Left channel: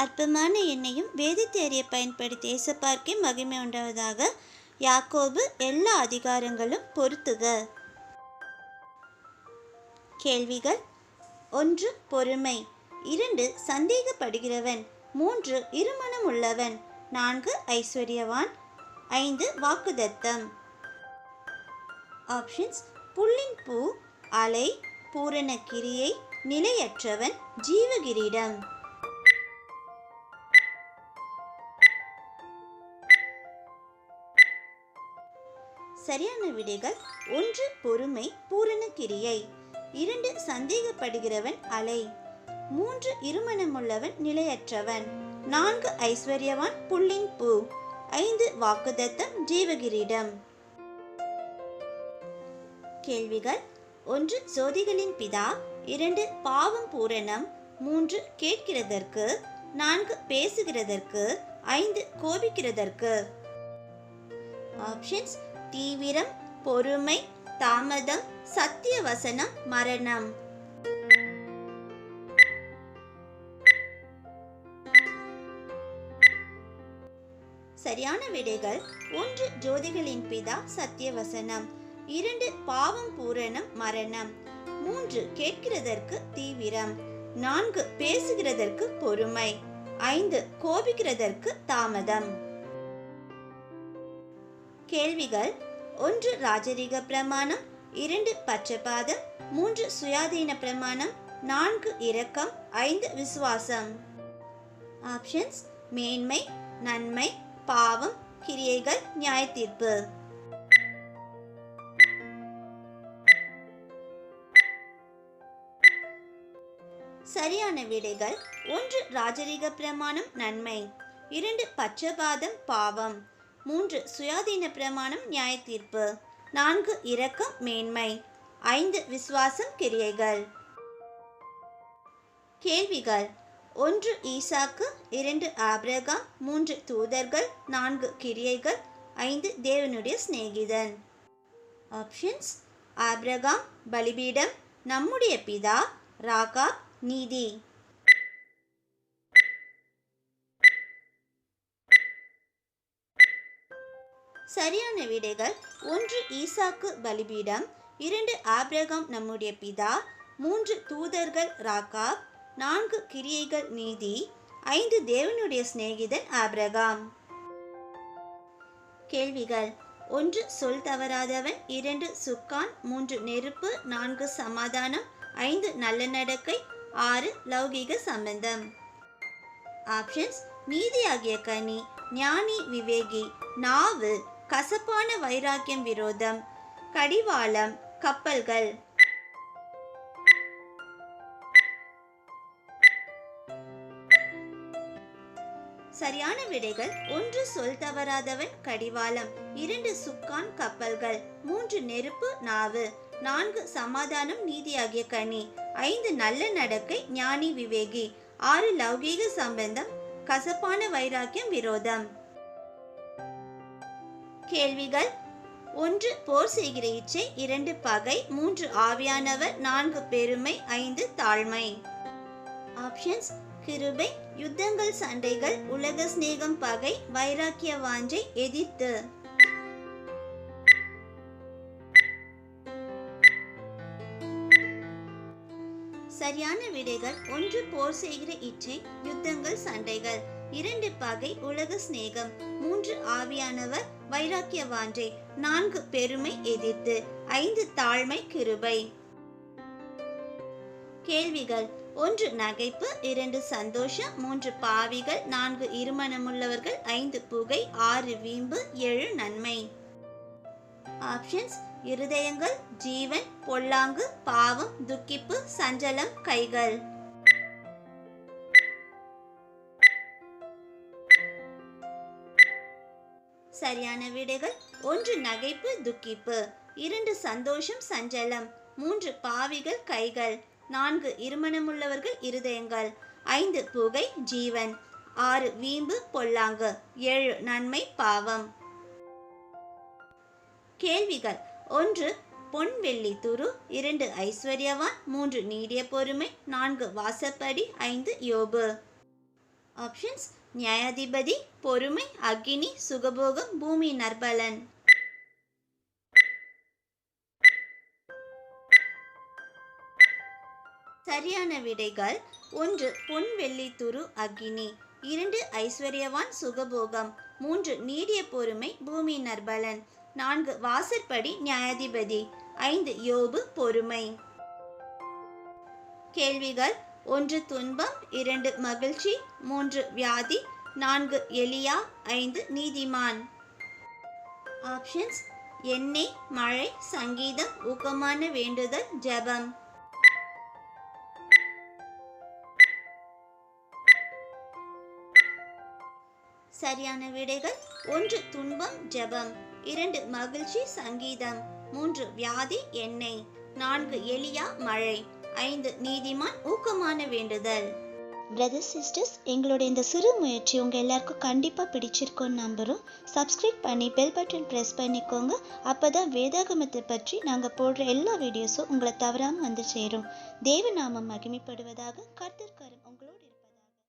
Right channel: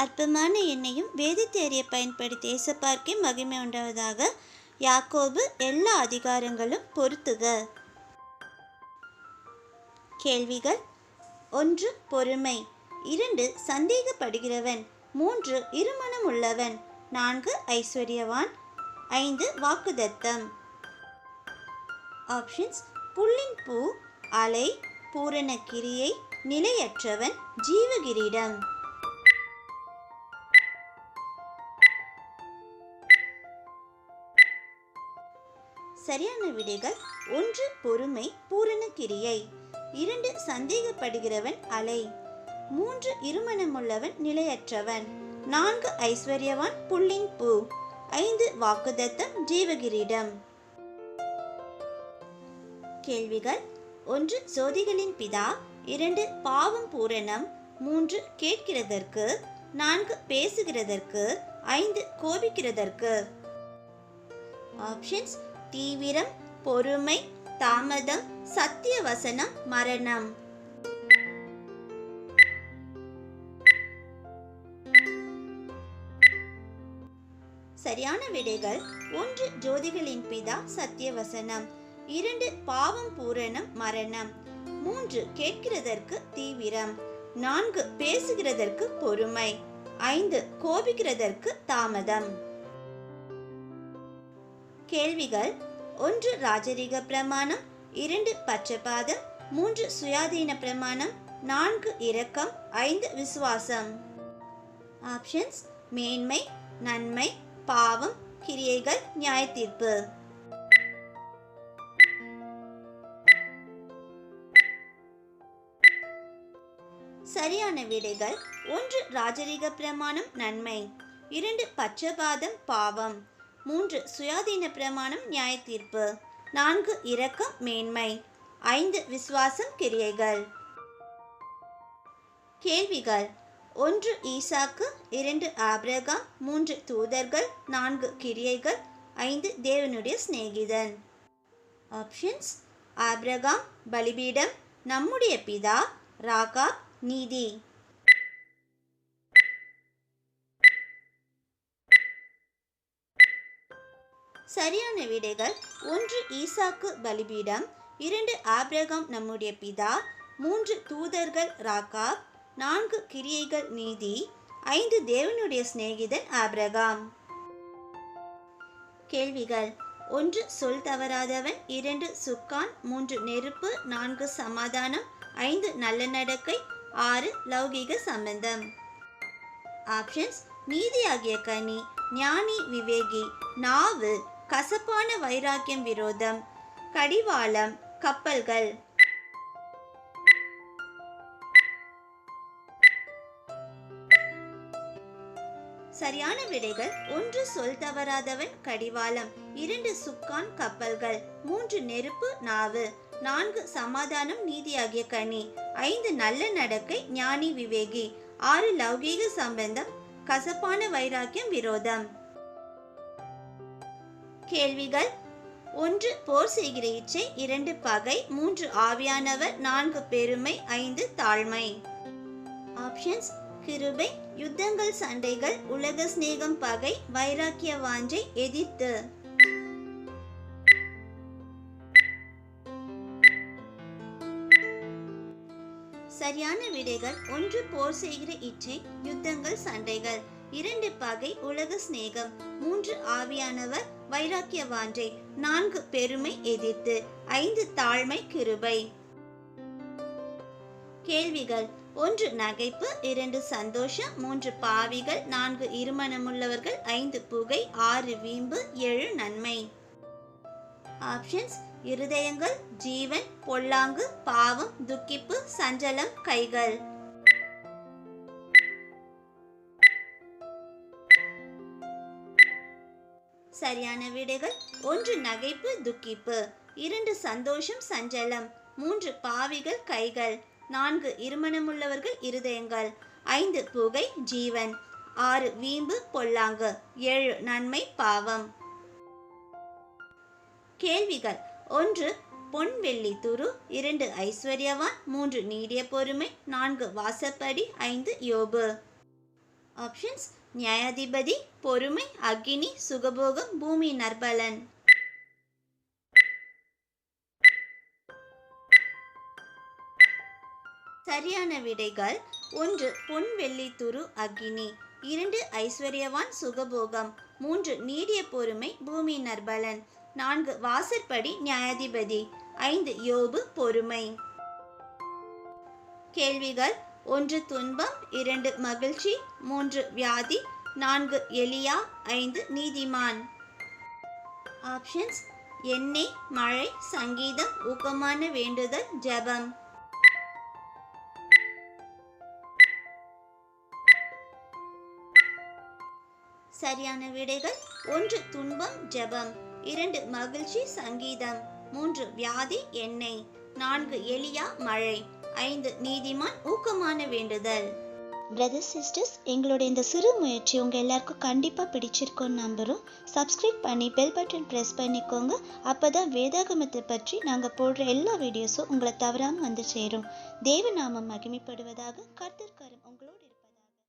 அற்பமான எண்ணையும் வேதத்தை அறிய பயன்படுத்தி ஏசப்பார்க்கே மகிமை உண்டாவதாக. யாக்கோபு எல்லா அதிகாரங்களும் பொருத்துக. கேள்விகள்: 1. பொறுமை. 2. சந்தேகப்படுகிறவன். 3. இருமனம் உள்ளவன். 4. ஐஸ்வர்யவான். 5. வாக்குதத்தம். ஆப்ஷன்ஸ்: புல்லின் பூ, அலை, பூரண கிரியை, நிலையற்றவன், ஜீவகிரீடம். சரியான விடைகள்: 1. பொறுமை, பூரண கிரியை. 2. சந்தேகப்படுகிறவன், அலை. 3. இருமனமுள்ளவன், நிலையற்றவன். 4. ஐஸ்வர்யவான், புல்லின் பூ. 5. வாக்குதத்தம், ஜீவகிரீடம். கேள்விகள்: 1. ஜோதிகளின் பிதா. 2. பாவம் பூரணம். 3. கேட்கிறதற்கு. 4. பேசுகிறதற்கு. 5. கோபிக்கிறதற்கு. ஆப்ஷன்ஸ்: தீவிரம், பொறுமை, தாமதம், சத்திய வசனம், மரணம். சரியான விடைகள்: 1. ஜோதிகளின் பிதா, சத்தியவசனம். 2. பாவம் பூரணம், மரணம். 3. கேட்கிறதற்கு, தீவிரம். 4. பேசுகிறதற்கு, பொறுமை. 5. கோபிக்கிறதற்கு, தாமதம். கேள்விகள்: 1. ராஜரீக பிரமாணம். 2. பட்சபாதம். 3. சுயாதீன பிரமாணம். 4. இரக்கம். 5. விசுவாசம். ஆப்ஷன்ஸ்: மேன்மை, நன்மை, பாவம், கிரியைகள், நியாயத்தீர்ப்பு. சரியான விடைகள்: 1. ராஜரீக பிரமாணம், நன்மை. 2. பட்சபாதம், பாவம். 3. சுயாதீன பிரமாணம், நியாயத்தீர்ப்பு. 4. இரக்கம், மேன்மை. 5. விசுவாசம், கிரியைகள். கேள்விகள்: 1. ஈசாக்கு. 2. ஆபிரகாம். 3. தூதர்கள். 4. கிரியைகள். 5. தேவனுடைய சிநேகிதன். ஆப்ஷன்ஸ்: ஆபிரகாம், பலிபீடம், நம்முடைய பிதா, ராகாப், நீதி. சரியான விடைகள்: 1. ஈசாக்கு, பலிபீடம். 2. ஆபிரகாம், நம்முடைய பிதா. 3. தூதர்கள், ராகாப். 4. கிரியைகள், நீதி. 5. தேவனுடைய சிநேகிதன், ஆபிரகாம். கேள்விகள்: 1. சொல் தவறாதவன். 2. சுக்கான். 3. நெருப்பு. 4. சமாதானம். 5. நல்ல நடக்கை. 6. லௌகீக சம்பந்தம். ஆப்ஷன்ஸ்: நீதியாகிய கனி, ஞானி, விவேகி, நாவு, கசப்பான வைராக்கியம், விரோதம், கடிவாளம், கப்பல்கள். சரியான விடைகள்: 1. சொல் தவறாதவன், கடிவாளம். 2. சுக்கான், கப்பல்கள். 3. நெருப்பு, நாவு. 4. சமாதானம், நீதியாகிய கனி. 5. நல்ல நடக்கை, ஞானி, விவேகி. 6. லௌகீக சம்பந்தம், கசப்பான வைராக்கியம், விரோதம். கேள்விகள்: 1. போர் செய்கிற இச்சை. 2. பகை. 3. ஆவியானவர். 4. பெருமை. 5. தாழ்மை. ஆப்ஷன்ஸ்: கிருபை, யுத்தங்கள், சண்டைகள், உலக சிநேகம், பகை, வைராக்கிய வாஞ்சை, எதிர்த்து. சரியான விடைகள்: 1. போர் செய்கிற இச்சை, யுத்தங்கள், சண்டைகள். 2. பகை, உலக சிநேகம். 3. ஆவியானவர், வைராக்கிய வாஞ்சை. 4. பெருமை, எதிர்த்து. 5. தாழ்மை, கிருபை. கேள்விகள்: 1. நகைப்பு. 2. சந்தோஷம். 3. பாவிகள். 4. இருமனமுள்ளவர்கள். 5. புகை. 6. வீம்பு. 7. நன்மை. ஆப்ஷன்ஸ்: இருதயங்கள், ஜீவன், பொல்லாங்கு, பாவம், துக்கிப்பு, சஞ்சலம், கைகள். சரியான விடைகள்: 1. நகைப்பு, துக்கிப்பு. 2. சந்தோஷம், சஞ்சலம். 3. பாவிகள், கைகள். 4. இருமனமுள்ளவர்கள், இருதயங்கள். 5. புகை, ஜீவன். 6. வீம்பு, பொல்லாங்கு. 7. நன்மை, பாவம். கேள்விகள்: 1. பொன் வெள்ளி துரு. 2. ஐஸ்வர்யவான். 3. நீடிய பொறுமை. 4. வாசப்படி. 5. யோபு. ஆப்ஷன்ஸ் நியாயாதிபதி, பொறுமை, அக்னி, சுகபோகம், பூமி நற்பலன். சரியான விடைகள்: 1 பொன் வெள்ளி துரு அக்னி, 2 ஐஸ்வர்யவான் சுகபோகம், 3 நீடிய பொறுமை பூமி நற்பலன், 4 வாசற்படி நியாயாதிபதி, 5 யோபு பொறுமை. கேள்விகள்: 1 துன்பம், 2 மகிழ்ச்சி, 3 வியாதி, 4 எலியா, 5 நீதிமான். ஆப்ஷன்ஸ் எண்ணெய், மழை, சங்கீதம், ஊக்கமான வேண்டுதல், ஜெபம். சரியான விடைகள்: 1 துன்பம், ஜெபம், 2 மகிழ்ச்சி, சங்கீதம், 3 வியாதி, எண்ணெய், 4 எலியா, மழை, 5 நீதிமான், ஊக்கமான வேண்டுதல். பிரதர்ஸ் சிஸ்டர்ஸ், எங்களோட இந்த சிறு முயற்சி உங்கள் எல்லாருக்கும் கண்டிப்பாக பிடிச்சிருக்கோன்னு நம்புகிறோம். சப்ஸ்கிரைப் பண்ணி பெல் பட்டன் ப்ரெஸ் பண்ணிக்கோங்க. அப்போ தான் வேதாகமத்தை பற்றி நாங்கள் போடுற எல்லா வீடியோஸும் உங்களை தவறாமல் வந்து சேரும். தேவ நாமம் மகிமைப்படுவதாக. கர்த்தர் கரம் உங்களோட